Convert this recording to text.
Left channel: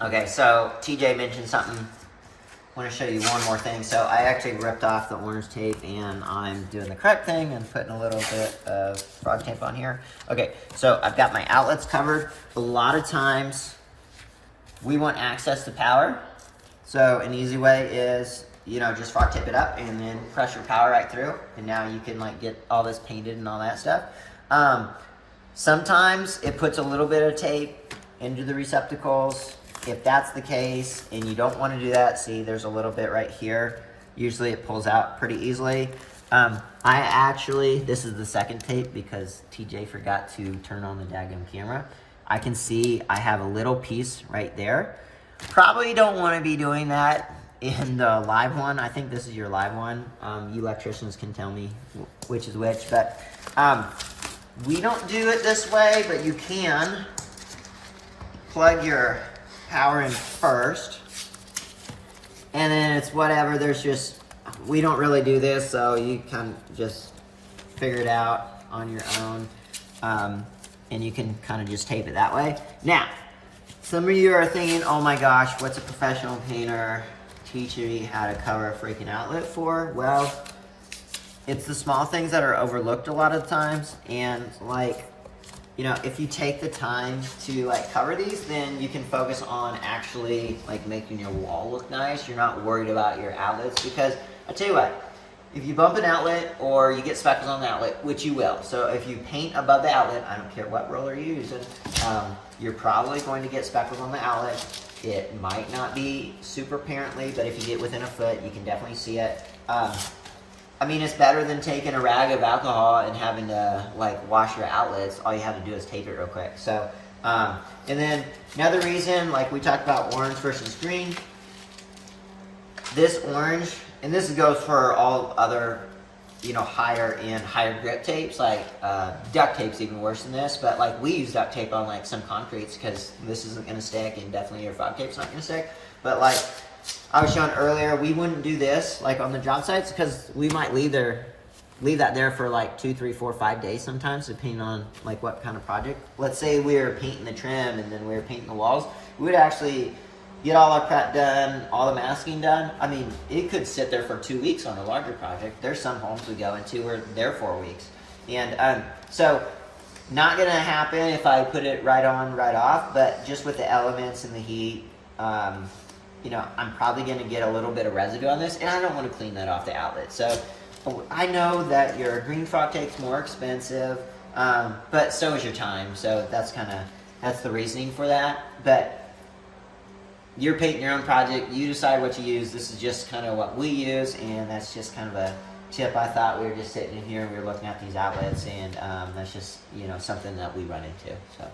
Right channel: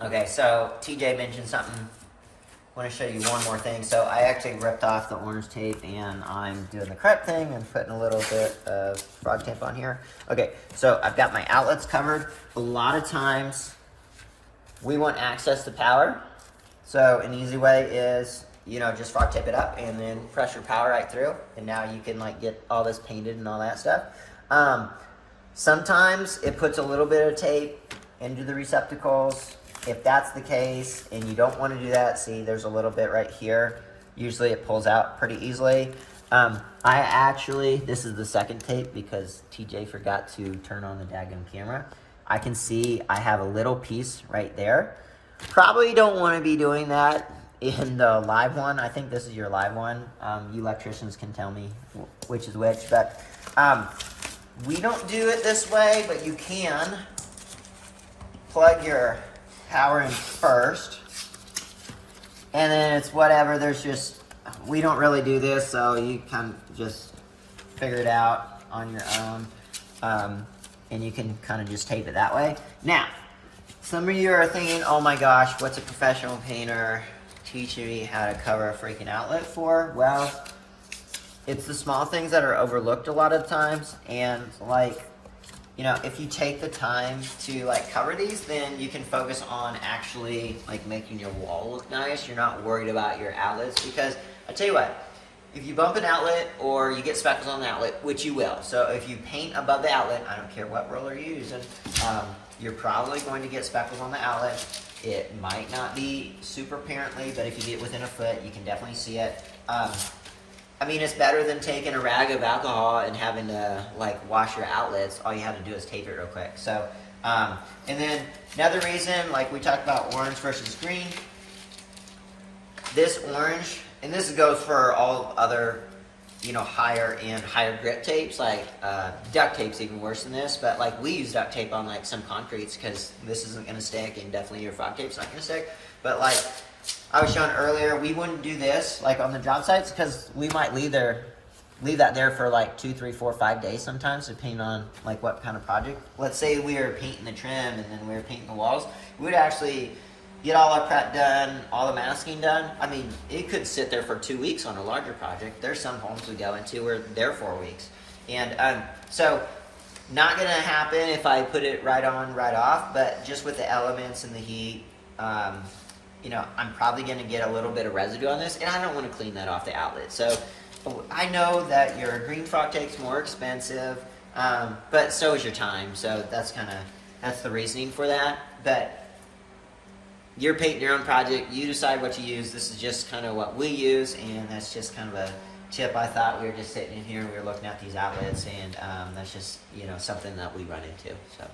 Okay, so TJ mentioned something. I want to show you one more thing. So I actually ripped off the orange tape and I'm doing the correct thing and putting a little bit of frog tape on here. Okay, so I've got my outlets covered. A lot of times we want access to power. So an easy way is, you know, just frog tape it up and then press your power right through. And now you can like get all this painted and all that stuff. Sometimes it puts a little bit of tape into the receptacles. If that's the case and you don't want to do that, see there's a little bit right here. Usually it pulls out pretty easily. This is the second tape because TJ forgot to turn on the daggum camera. I can see I have a little piece right there. Probably don't want to be doing that in the live one. I think this is your live one. You electricians can tell me which is which, but we don't do it this way, but you can plug your power in first, and then it's whatever. We don't really do this, so you can just figure it out on your own, and you can kind of just tape it that way. Now, some of you are thinking, oh my gosh, what's a professional painter teaching me how to cover a freaking outlet for? Well, it's the small things that are overlooked a lot of times, and like, you know, if you take the time to like cover these, then you can focus on actually like making your wall look nice. You're not worried about your outlets, because I tell you what, if you bump an outlet or you get speckles on the outlet, which you will, so if you paint above the outlet, I don't care what roller you're using, you're probably going to get speckles on the outlet. It might not be super apparently, but if you get within a foot, you can definitely see it. I mean, it's better than taking a rag of alcohol and having to like wash your outlets. All you have to do is tape it real quick. So, and then another reason, like we talked about orange versus green. This orange, and this goes for all other, you know, higher end, higher grip tapes. Like duct tape's even worse than this, but like we use duct tape on like some concretes because this isn't gonna stick, and definitely your frog tape's not gonna stick. But like I was showing earlier, we wouldn't do this like on the job sites because we might leave that there for like 2, 3, 4, 5 days sometimes, depending on like what kind of project. Let's say we were painting the trim and then we were painting the walls. We would actually get all our prep done, all the masking done. I mean, it could sit there for 2 weeks on a larger project. There's some homes we go into where they're 4 weeks. And so not gonna happen if I put it right on, right off, but just with the elements and the heat, you know, I'm probably going to get a little bit of residue on this, and I don't want to clean that off the outlet. So I know that your green frog tape's more expensive, but so is your time. So that's the reasoning for that. But you're painting your own project. You decide what you use. This is just kind of what we use, and that's just kind of a tip. I thought we were just sitting in here and we were looking at these outlets, and that's just, you know, something that we run into. So.